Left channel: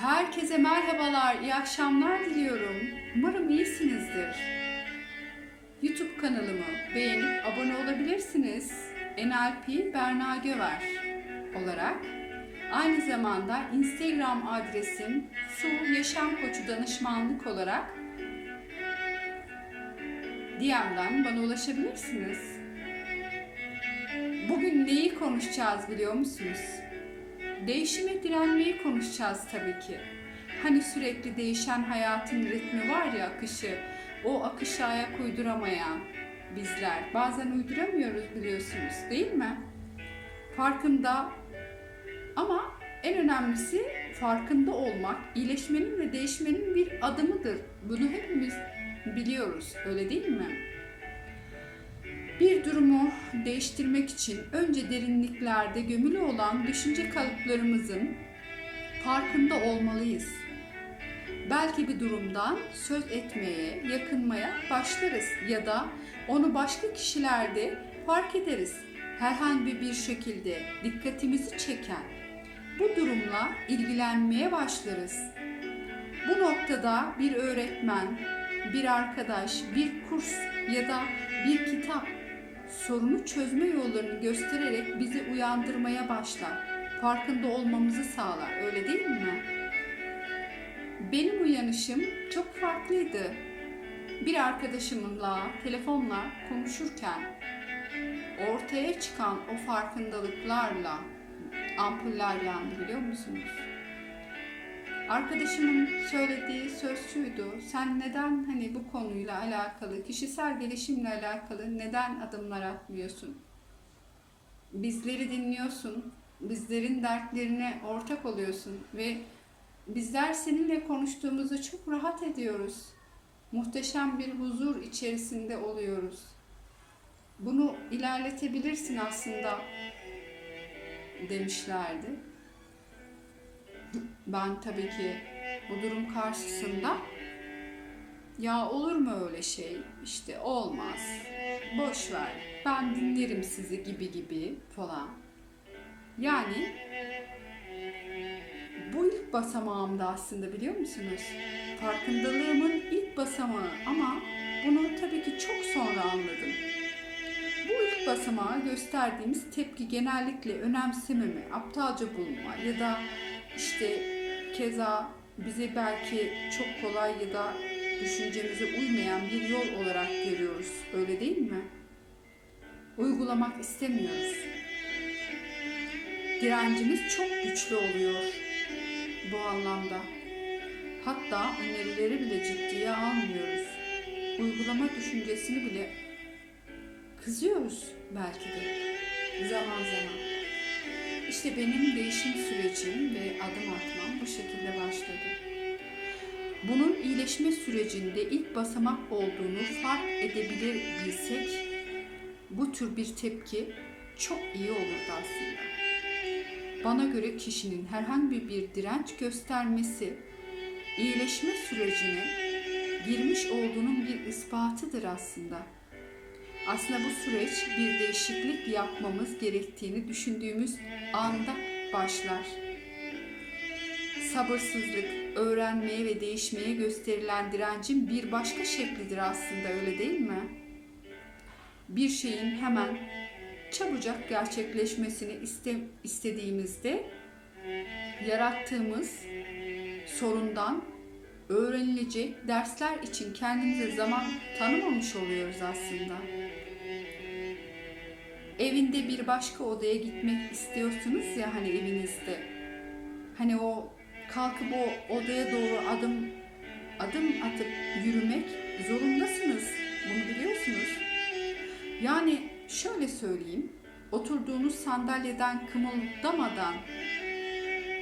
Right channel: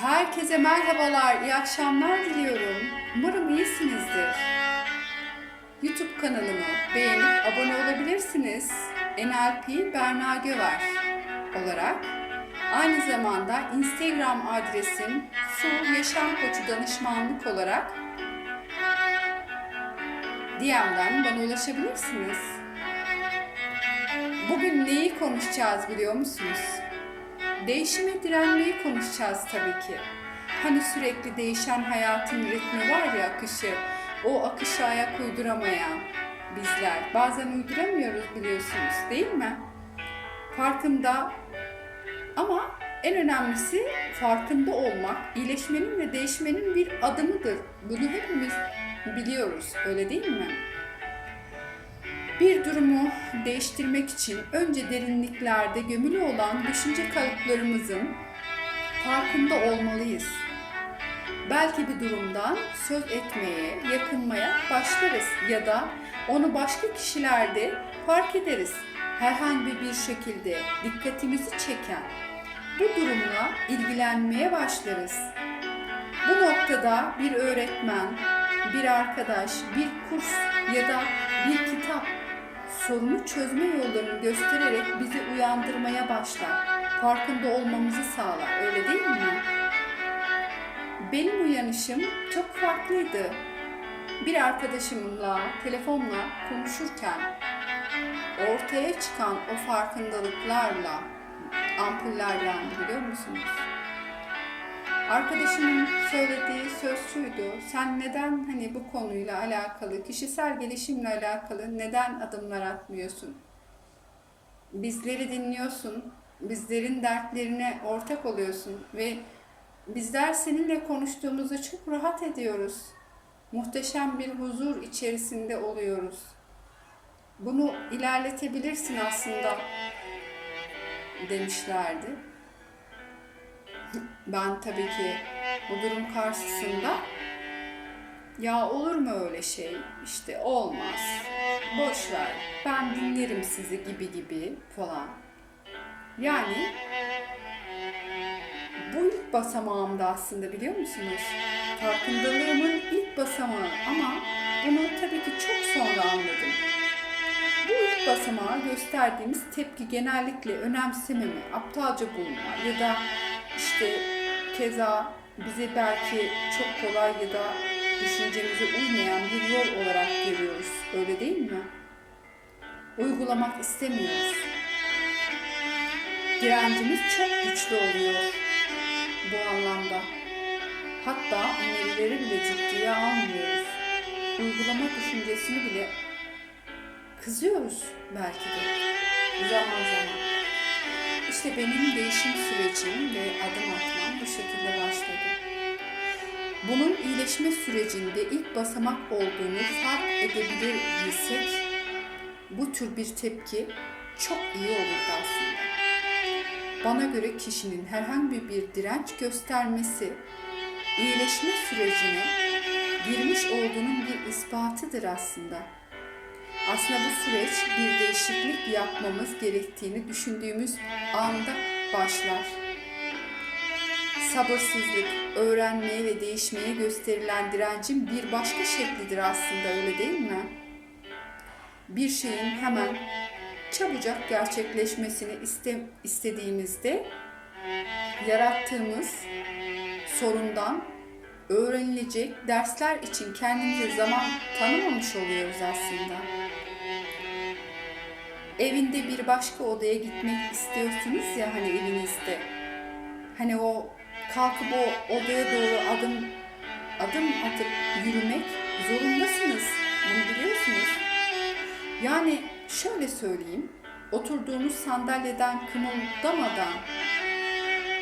Herkese merhabalar, iyi akşamlar diliyorum. Umarım iyisinizdir. YouTube kanalımı beğenip abone olabilirsiniz. NLP Berna Göver olarak. Aynı zamanda Instagram adresim Su Yaşam Koçu Danışmanlık olarak DM'den bana ulaşabilirsiniz. Bugün neyi konuşacağız biliyor musunuz? Değişime direnmeyi konuşacağız tabii ki. Hani sürekli değişen hayatın ritmi var ya akışı, o akışa ayak uyduramayan bizler. Bazen uyduramıyoruz biliyorsunuz değil mi? Farkında ama en önemlisi farkında olmak, iyileşmenin ve değişmenin bir adımıdır. Bunu hepimiz biliyoruz, öyle değil mi? Bir durumu değiştirmek için önce derinliklerde gömülü olan düşünce kalıplarımızın farkında olmalıyız. Belki bir durumdan söz etmeye, yakınmaya başlarız ya da onu başka kişilerde fark ederiz. Herhangi bir şekilde dikkatimizi çeken bu durumla ilgilenmeye başlarız. Bu noktada bir öğretmen, bir arkadaş, bir kurs ya da bir kitap sorunu çözme yollarını göstererek bizi uyandırmaya başlar. Farkında olmamızı sağlar. Öyle değil mi? Benim uyanışım çok farklıydı. Bir arkadaşımla telefonla konuşurken ortaya çıkan o farkındalıklarla ampuller yandı biliyor musunuz? Arkadaşımın söylediği söz şuydu. Sen neden hani bu konuyla alakalı, kişisel gelişimle alakalı neden adımlar atmıyorsun? Bizleri dinliyorsun. Bizlerin dertlerine ortak oluyorsun ve bizler seninle konuştuğumuzda çok rahat ediyoruz. Muhteşem bir huzur içerisinde oluyoruz. Bunu ilerletebilirsin aslında demişlerdi. Ben tabii ki bu durum karşısında ya olur mu öyle şey? İşte olmaz. Boş ver. Ben dinlerim sizi gibi gibi falan. Yani bu ilk basamağımda aslında biliyor musunuz? Farkındalığımın ilk basamağı ama bunu tabii ki çok sonra anladım. Bu ilk basamağa gösterdiğimiz tepki genellikle önemsememe, aptalca bulma ya da işte keza bizi belki çok kolay ya da düşüncemize uymayan bir yol olarak görüyoruz. Öyle değil mi? Uygulamak istemiyoruz. Direncimiz çok güçlü oluyor bu anlamda. Hatta önerileri bile ciddiye almıyoruz. Uygulama düşüncesini bile kızıyoruz belki de zaman zaman. İşte benim değişim sürecim ve adım atmam bu şekilde başladı. Bunun iyileşme sürecinde ilk basamak olduğunu fark edebilir bilsek bu tür bir tepki çok iyi olurdu aslında. Bana göre kişinin herhangi bir direnç göstermesi iyileşme sürecine girmiş olduğunun bir ispatıdır aslında. Aslında bu süreç bir değişiklik yapmamız gerektiğini düşündüğümüz anda başlar. Sabırsızlık, öğrenmeye ve değişmeye gösterilen direncin bir başka şeklidir aslında öyle değil mi? Bir şeyin hemen çabucak gerçekleşmesini iste, istediğimizde yarattığımız sorundan öğrenilecek dersler için kendimize zaman tanımamış oluyoruz aslında. Evinde bir başka odaya gitmek istiyorsunuz ya hani evinizde. Hani o kalkıp o odaya doğru adım adım atıp yürümek zorundasınız. Bunu biliyorsunuz. Yani şöyle söyleyeyim. Oturduğunuz sandalyeden kımıldamadan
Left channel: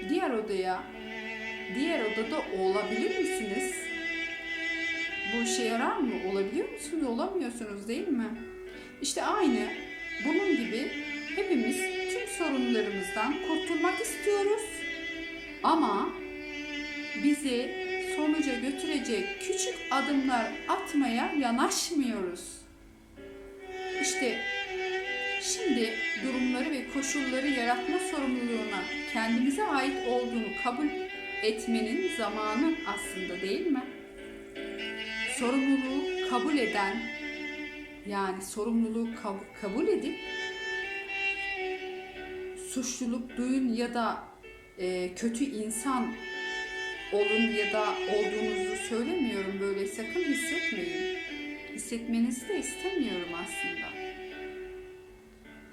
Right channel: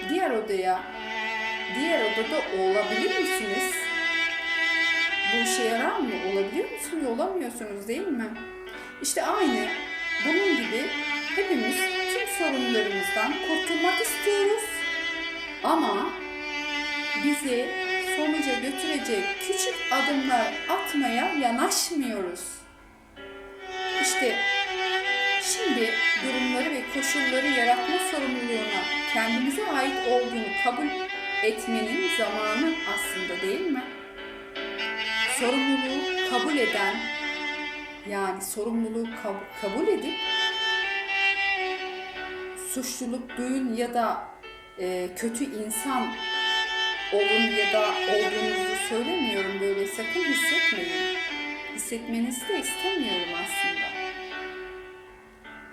diğer odaya diğer odada olabilir misiniz? Bu işe yarar mı? Olabiliyor musunuz? Olamıyorsunuz değil mi? İşte aynı bunun gibi hepimiz tüm sorunlarımızdan kurtulmak istiyoruz. Ama bizi sonuca götürecek küçük adımlar atmaya yanaşmıyoruz. İşte şimdi durumları ve koşulları yaratma sorumluluğuna kendimize ait olduğunu kabul etmenin zamanı aslında değil mi? Sorumluluğu kabul eden yani sorumluluğu kab- kabul edip suçluluk duyun ya da e, kötü insan olun ya da olduğunuzu söylemiyorum böyle sakın hissetmeyin. Hissetmenizi de istemiyorum aslında.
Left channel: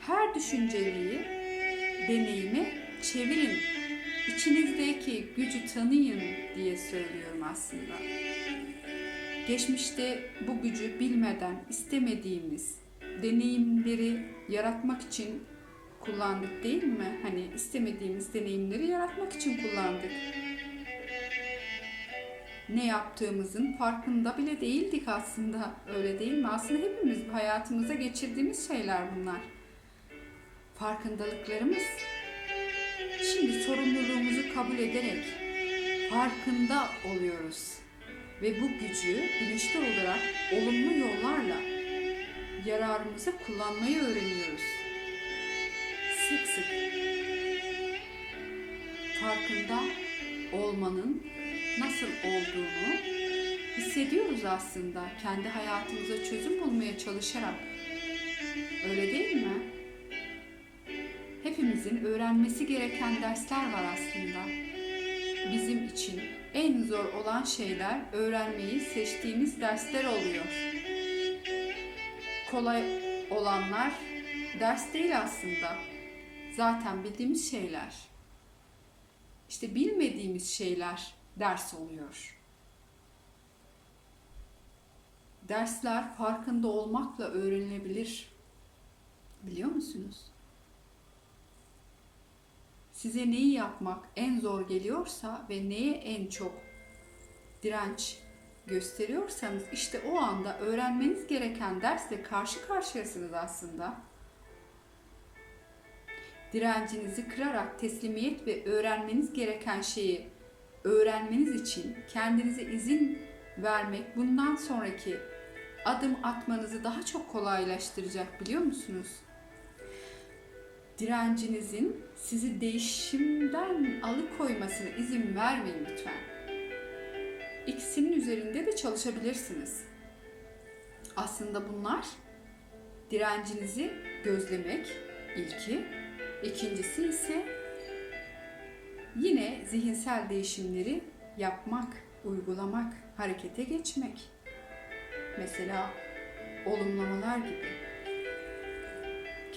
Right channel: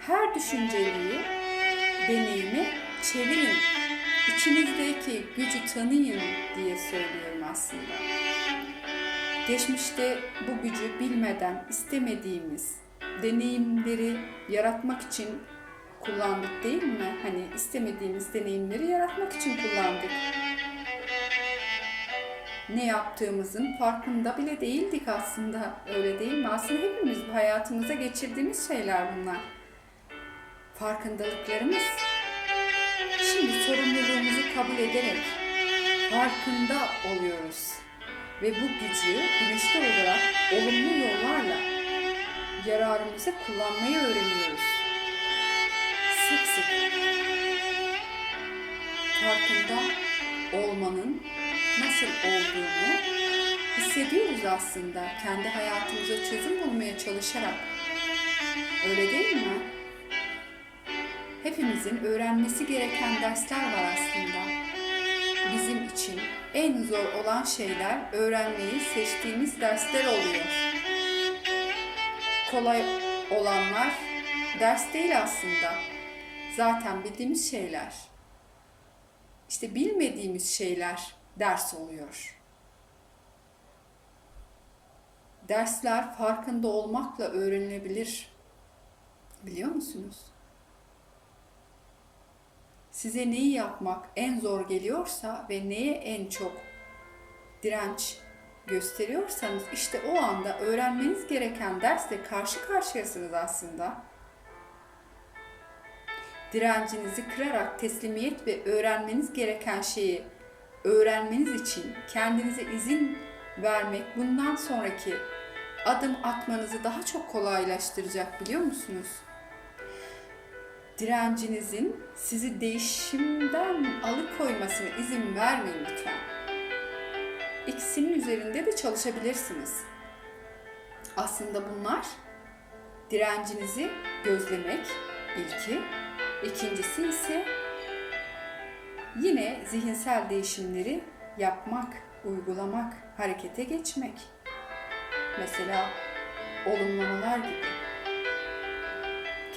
Her düşünceliği deneyimi çevirin. İçinizdeki gücü tanıyın diye söylüyorum aslında. Geçmişte bu gücü bilmeden istemediğimiz deneyimleri yaratmak için kullandık değil mi? Hani istemediğimiz deneyimleri yaratmak için kullandık. Ne yaptığımızın farkında bile değildik aslında. Öyle değil mi? Aslında hepimiz hayatımıza geçirdiğimiz şeyler bunlar. Farkındalıklarımız. Şimdi sorumluluğumuzu kabul ederek farkında oluyoruz. Ve bu gücü bilinçli olarak olumlu yollarla yararımıza kullanmayı öğreniyoruz. Sık sık farkında olmanın nasıl olduğunu hissediyoruz aslında kendi hayatımıza çözüm bulmaya çalışarak. Öyle değil mi? Hepimizin öğrenmesi gereken dersler var aslında. Bizim için en zor olan şeyler öğrenmeyi seçtiğimiz dersler oluyor. Kolay olanlar ders değil aslında. Zaten bildiğimiz şeyler. İşte bilmediğimiz şeyler ders oluyor. Dersler farkında olmakla öğrenilebilir. Biliyor musunuz? Size neyi yapmak en zor geliyorsa ve neye en çok direnç gösteriyorsanız işte o anda öğrenmeniz gereken dersle karşı karşıyasınız aslında. Direncinizi kırarak teslimiyet ve öğrenmeniz gereken şeyi öğrenmeniz için kendinize izin vermek bundan sonraki adım atmanızı daha çok kolaylaştıracak biliyor musunuz? Direncinizin sizi değişimden alıkoymasına izin vermeyin lütfen. İkisinin üzerinde de çalışabilirsiniz. Aslında bunlar direncinizi gözlemek ilki, ikincisi ise Yine zihinsel değişimleri yapmak, uygulamak, harekete geçmek. Mesela olumlamalar gibi.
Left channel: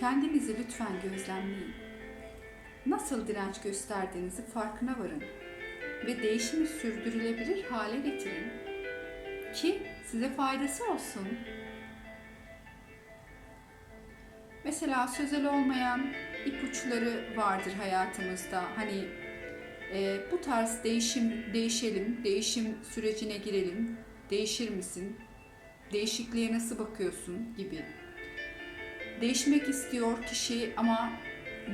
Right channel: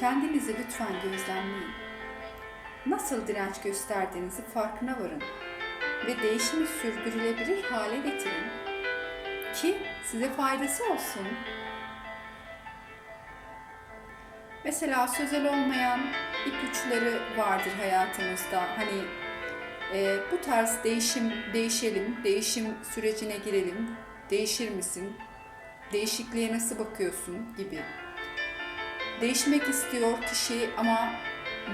Kendinizi lütfen gözlemleyin. Nasıl direnç gösterdiğinizi farkına varın ve değişimi sürdürülebilir hale getirin ki size faydası olsun. Mesela sözel olmayan ipuçları vardır hayatımızda. Hani e, bu tarz değişim, değişelim, değişim sürecine girelim, değişir misin, değişikliğe nasıl bakıyorsun gibi. Değişmek istiyor kişi ama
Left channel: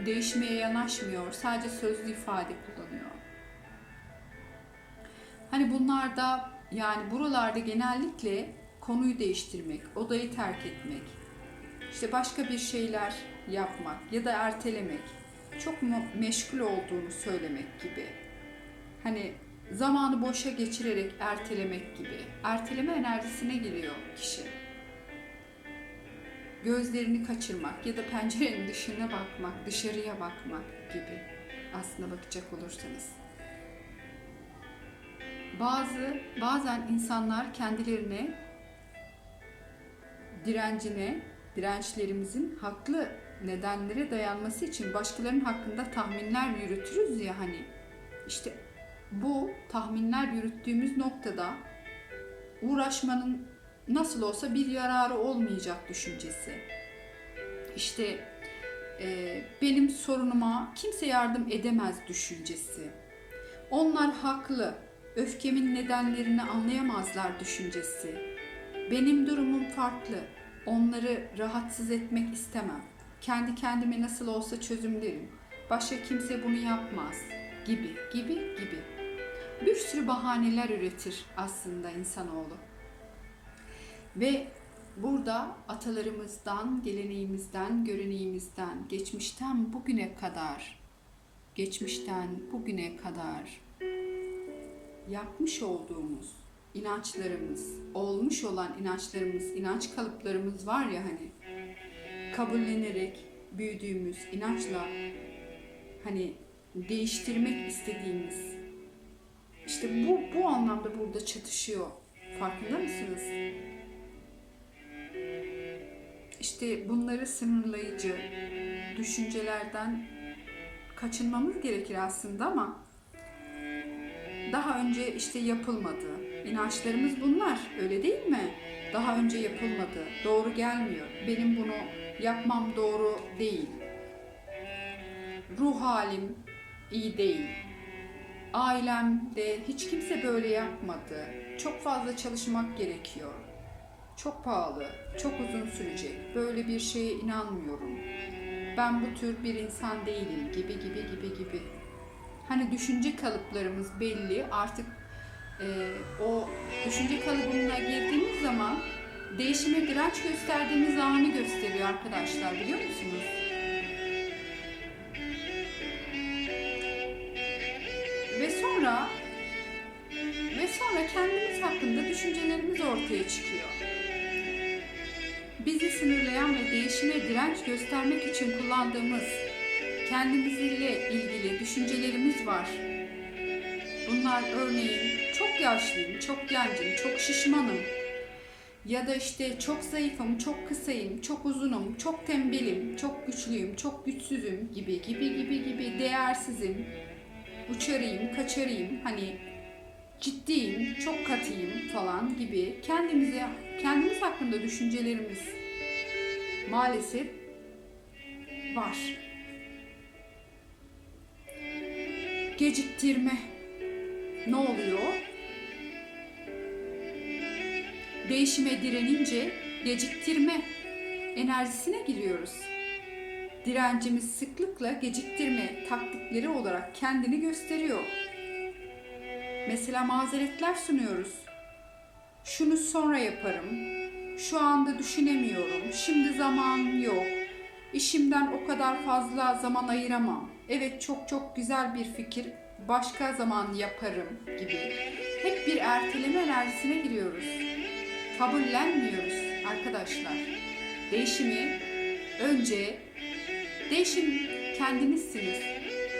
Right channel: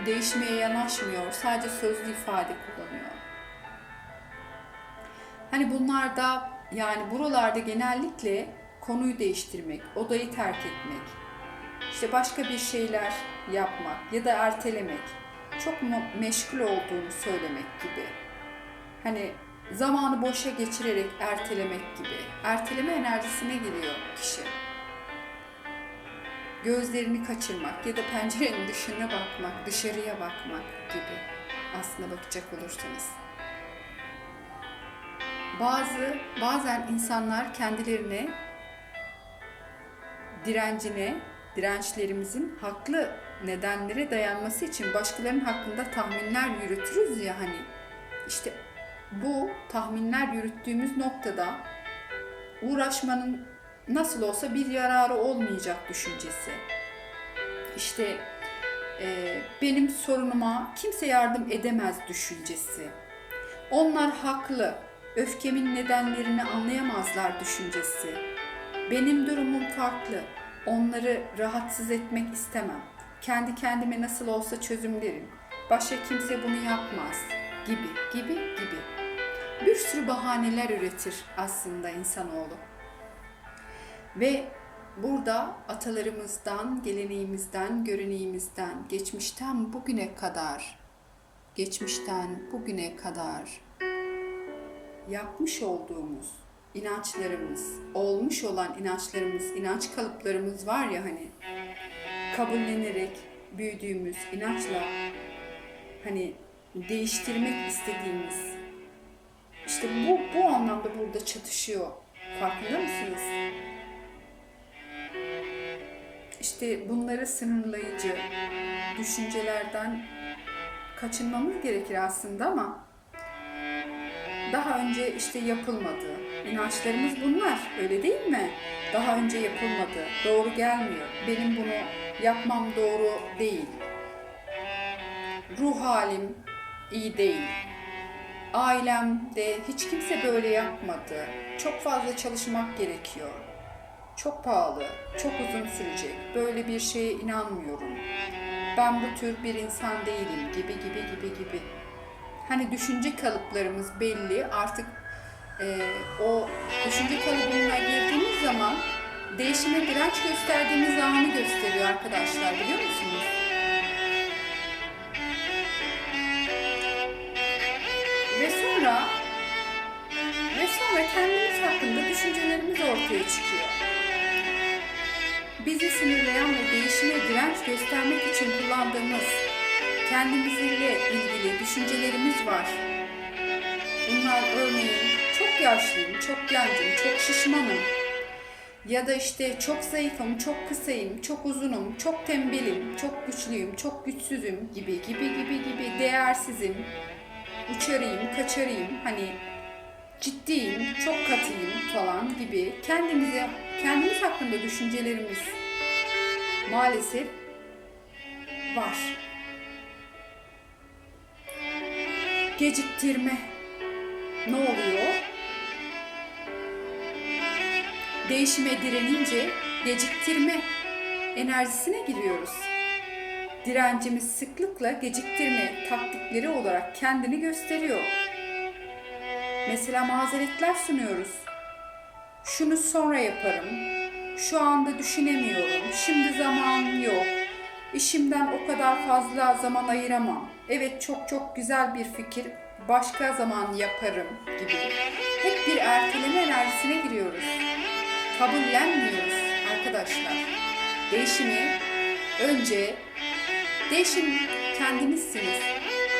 değişmeye yanaşmıyor, sadece sözlü ifade kullanıyor. Hani bunlarda yani buralarda genellikle konuyu değiştirmek, odayı terk etmek, işte başka bir şeyler yapmak ya da ertelemek çok meşgul olduğunu söylemek gibi. Hani zamanı boşa geçirerek ertelemek gibi. Erteleme enerjisine geliyor kişi. Gözlerini kaçırmak ya da pencerenin dışına bakmak, dışarıya bakmak gibi aslına bakacak olursanız. Bazı bazen insanlar kendilerine direncine, dirençlerimizin haklı nedenlere dayanması için başkalarının hakkında tahminler yürütürüz ya hani. İşte bu tahminler yürüttüğümüz noktada uğraşmanın nasıl olsa bir yararı olmayacak düşüncesi. İşte e, benim sorunuma kimse yardım edemez düşüncesi. Onlar haklı, öfkemin nedenlerini anlayamazlar düşüncesi. Benim durumum farklı, onları rahatsız etmek istemem kendi kendime nasıl olsa çözümlerim. Başka kimse bunu yapmaz gibi gibi gibi. Bir sürü bahaneler üretir aslında insanoğlu. Ve burada atalarımızdan, geleneğimizden, göreneğimizden, geçmişten bugüne kadar, geçmişten bugüne kadar yapmış olduğumuz inançlarımız, olmuş olan inançlarımız, inanç kalıplarımız var ya hani kabullenerek büyüdüğümüz inançla hani değiştirmek istediğimiz işte bu bu anlamda burada çatışıyor. Farkında mısınız? İşte bunları sınırlayıcı düşüncelerden kaçınmamız gerekir aslında ama daha önce işte yapılmadı. İnançlarımız bunlar, öyle değil mi? Daha önce yapılmadı, doğru gelmiyor. Benim bunu yapmam doğru değil. Ruh halim iyi değil. Ailemde hiç kimse böyle yapmadı. Çok fazla çalışmak gerekiyor. Çok pahalı, çok uzun sürecek. Böyle bir şeye inanmıyorum. Ben bu tür bir insan değilim gibi gibi gibi gibi. Hani düşünce kalıplarımız belli. Artık e, o düşünce kalıbına girdiğimiz zaman değişime direnç gösterdiğimiz anı gösteriyor arkadaşlar biliyor musunuz? Ve sonra ve sonra kendimiz hakkında düşüncelerimiz ortaya çıkıyor. Bizi sınırlayan ve değişime direnç göstermek için kullandığımız kendimizle ilgili düşüncelerimiz var. Bunlar örneğin çok yaşlıyım, çok gencim, çok şişmanım. Ya da işte çok zayıfım, çok kısayım, çok uzunum, çok tembelim, çok güçlüyüm, çok güçsüzüm gibi gibi gibi gibi değersizim, uçarayım, kaçarayım, hani ciddiyim, çok katıyım falan gibi kendimize kendimiz hakkında düşüncelerimiz maalesef var. Geciktirme ne oluyor? Değişime direnince geciktirme enerjisine giriyoruz. Direncimiz sıklıkla geciktirme taktikleri olarak kendini gösteriyor. Mesela mazeretler sunuyoruz. Şunu sonra yaparım. Şu anda düşünemiyorum. Şimdi zaman yok. İşimden o kadar fazla zaman ayıramam. Evet çok çok güzel bir fikir. Başka zaman yaparım gibi. Hep bir erteleme enerjisine giriyoruz. Kabullenmiyoruz arkadaşlar. Değişimi önce değişim kendinizsiniz.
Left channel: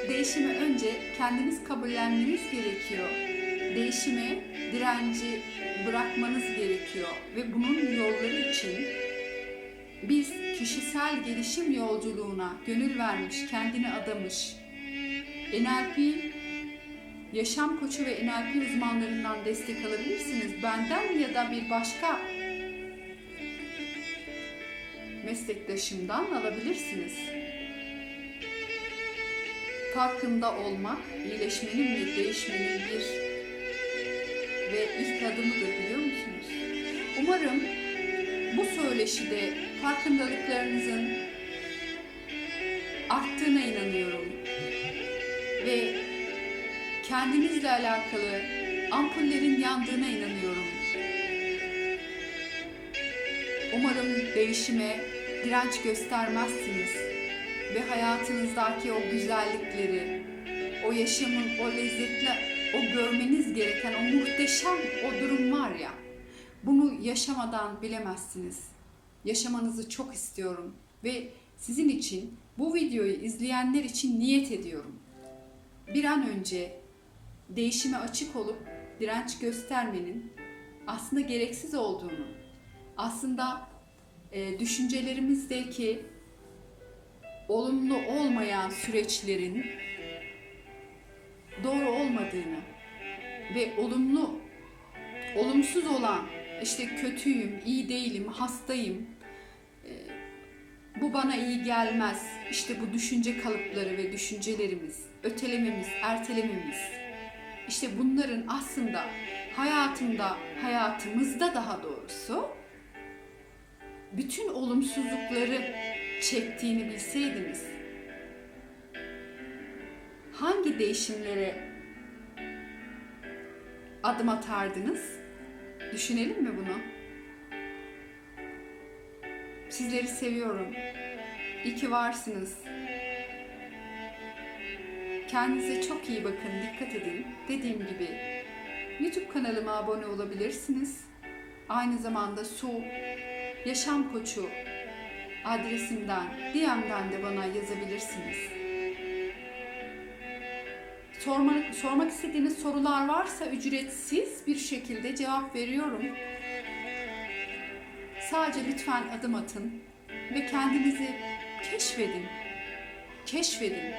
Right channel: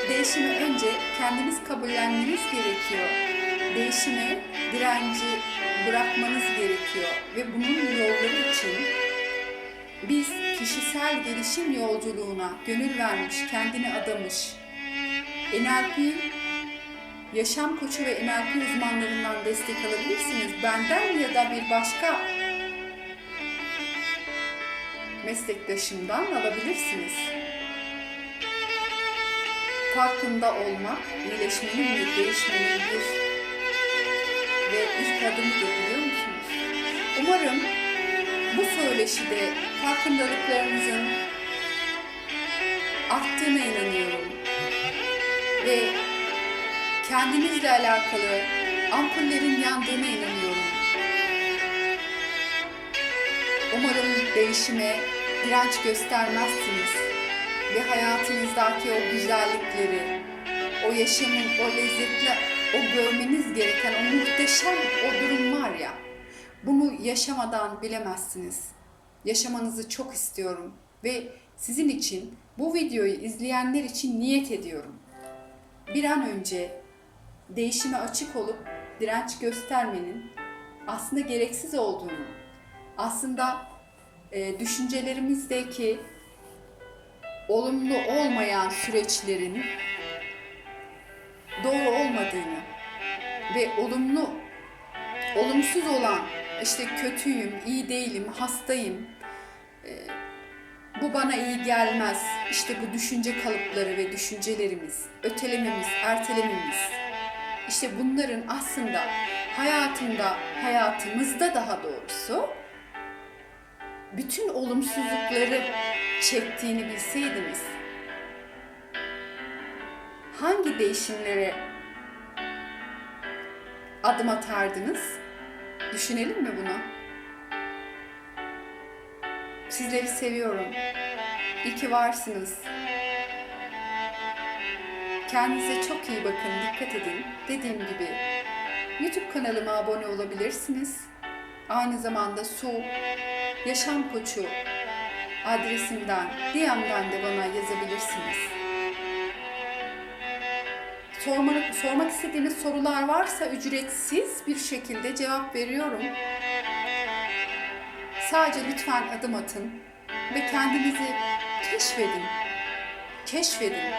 Değişimi önce kendiniz kabullenmeniz gerekiyor. Değişime direnci bırakmanız gerekiyor ve bunun yolları için biz kişisel gelişim yolculuğuna gönül vermiş, kendini adamış, NLP yaşam koçu ve NLP uzmanlarından destek alabilirsiniz. Benden ya da bir başka meslektaşımdan alabilirsiniz. Farkında olmak, iyileşmenin ve değişmenin bir ve ilk adımıdır biliyor musunuz? Umarım bu söyleşide farkındalıklarınızın arttığına inanıyorum. Ve kendinizle alakalı ampullerin yandığına inanıyorum. Umarım değişime direnç göstermezsiniz ve hayatınızdaki o güzellikleri, o yaşamın, o lezzetli, o görmeniz gereken o muhteşem o durum var ya, bunu yaşamadan bilemezsiniz. Yaşamanızı çok istiyorum ve sizin için bu videoyu izleyenler için niyet ediyorum. Bir an önce değişime açık olup direnç göstermenin aslında gereksiz olduğunu, aslında e, düşüncelerimizdeki olumlu olmayan süreçlerin doğru olmadığını ve olumlu olumsuz olan işte kötüyüm, iyi değilim, hastayım, e, bu bana iyi gelmez, işte bu düşünce kalıpları ve düşüncelerimiz, ötelememiz, ertelememiz, işte bunların aslında hayatında, hayatımızda daha doğrusu bütün olumsuzlukları çektiğini bilseydiniz hangi değişimlere adım atardınız? Düşünelim mi bunu? Sizleri seviyorum. İyi ki varsınız. Kendinize çok iyi bakın, dikkat edin. Dediğim gibi kanalıma abone olabilirsiniz. Aynı zamanda Su Yaşam Koçu adresimden, DM'den de bana yazabilirsiniz. Sormak, sormak istediğiniz sorular varsa ücretsiz bir şekilde cevap veriyorum. Sadece lütfen adım atın ve kendinizi keşfedin. Keşfedin.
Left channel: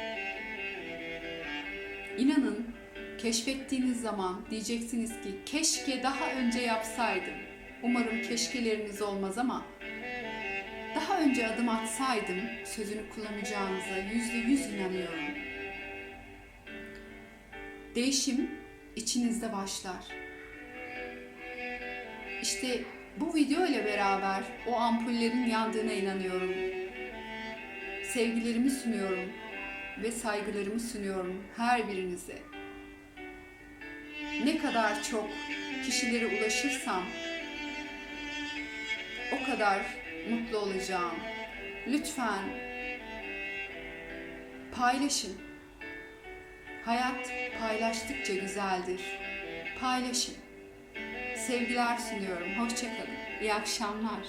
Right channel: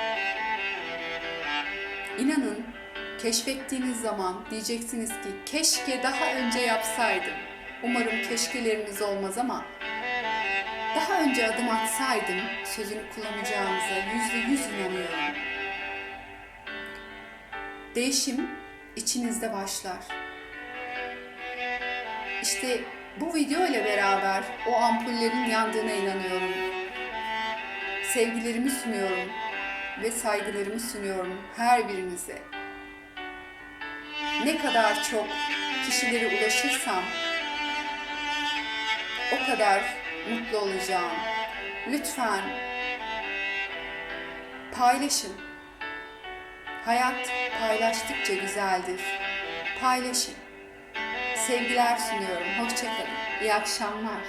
İnanın keşfettiğiniz zaman diyeceksiniz ki keşke daha önce yapsaydım. Umarım keşkeleriniz olmaz ama daha önce adım atsaydım sözünü kullanacağınıza yüzde yüz inanıyorum. Değişim içinizde başlar. İşte bu video ile beraber o ampullerin yandığına inanıyorum. Sevgilerimi sunuyorum ve saygılarımı sunuyorum her birinize. Ne kadar çok kişilere ulaşırsam o kadar mutlu olacağım. Lütfen paylaşın. Hayat paylaştıkça güzeldir. Paylaşın. Sevgiler sunuyorum. Hoşçakalın. İyi akşamlar.